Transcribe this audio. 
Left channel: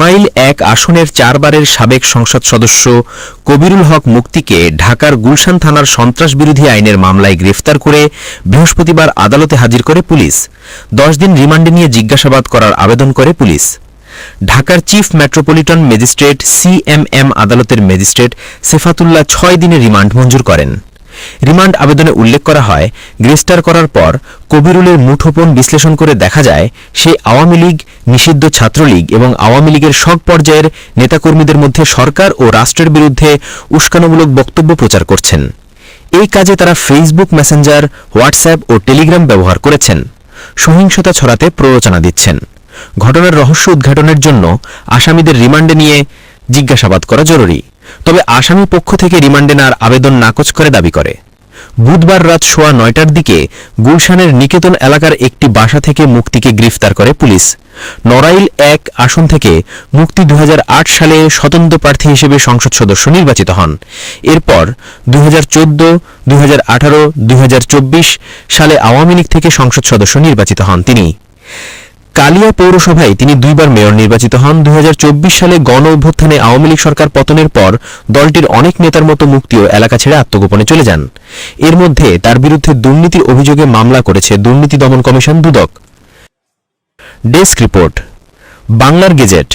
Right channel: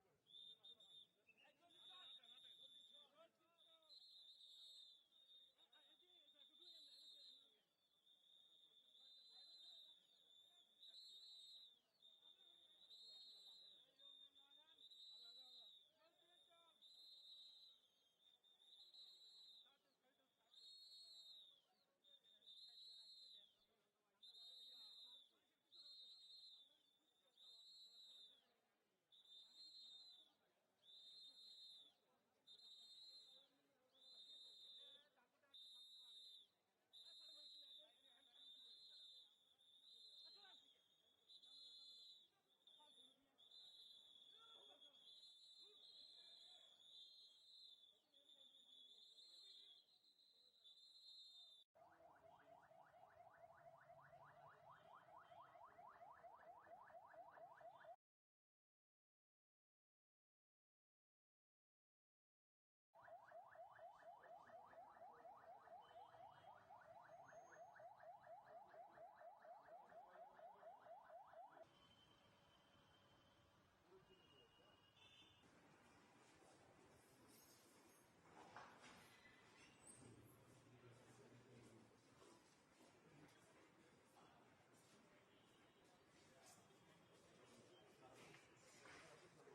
নড়াইল ১ আসনের ৪ বারের সাবেক সংসদ সদস্য কবিরুল হক মুক্তিকে ঢাকার গুলশান থানার সন্ত্রাস বিরোধী আইনের মামলায় গ্রেফতার করে বৃহস্পতিবার আদালতে হাজির করে পুলিশ। ১০ দিন রিমান্ডে নিয়ে জিজ্ঞাসাবাদ করার আবেদন করে পুলিশ। ঢাকার চিফ মেট্রোপলিটন ম্যাজিস্ট্রেট সিএমএম আদালতের ম্যাজিস্ট্রেট সেফাতুল্লাহ ৬ দিনের রিমান্ড মঞ্জুর করেন। রিমান্ড আবেদনে উল্লেখ করা হয়, গ্রেফতার করার পর কবিরুলের মুঠোফোন বিশ্লেষণ করে দেখা যায় সে আওয়ামী লীগ, নিষিদ্ধ ছাত্রলীগ এবং আওয়ামী লীগের সব পর্যায়ের নেতাকর্মীদের মধ্যে সরকার ও রাষ্ট্রের বিরুদ্ধে উস্কানিমূলক বক্তব্য প্রচার করছেন। এই কাজে তারা ফেসবুক মেসেঞ্জার, হোয়াটসঅ্যাপ ও টেলিগ্রাম ব্যবহার করেছেন। সহিংসতা ছড়াতে প্ররোচনা দিচ্ছেন। ঘটনার রহস্য উদ্ঘাটনের জন্য আসামিদের রিমান্ডে নিয়ে জিজ্ঞাসাবাদ করা জরুরি। তবে আসামি পক্ষ থেকে রিমান্ডে নেওয়ার আবেদন নাকচ করে দাবি করে। বুধবার রাত ৯:১০টার দিকে গুলশানের নিকেতন এলাকার একটি বাসা থেকে মুক্তিকে গ্রেফতার করে পুলিশ। নড়াইল ১ আসন থেকে মুক্তি ২০০৮ সালে স্বতন্ত্র প্রার্থী হিসেবে সংসদ সদস্য নির্বাচিত হন। এরপর ২০১৪, ২০১৮, ২০২৪ সালে আওয়ামী লীগ থেকে সংসদ সদস্য নির্বাচিত হন তিনি। কালিয়া পৌরসভায় তিনি ২ বার মেয়র নির্বাচিত হন। ২০২৪ সালে গণ অভ্যুত্থানে আওয়ামী লীগ সরকার পতনের পর দলটির অনেক নেতার মতো মুক্তিও এলাকা ছেড়ে আত্মগোপনে চলে যান। এর মধ্যে তার বিরুদ্ধে দুর্নীতির অভিযোগে মামলা করেছে দুর্নীতি দমন কমিশন দুদক। ডেস্ক রিপোর্ট, বাংলার গেজেট।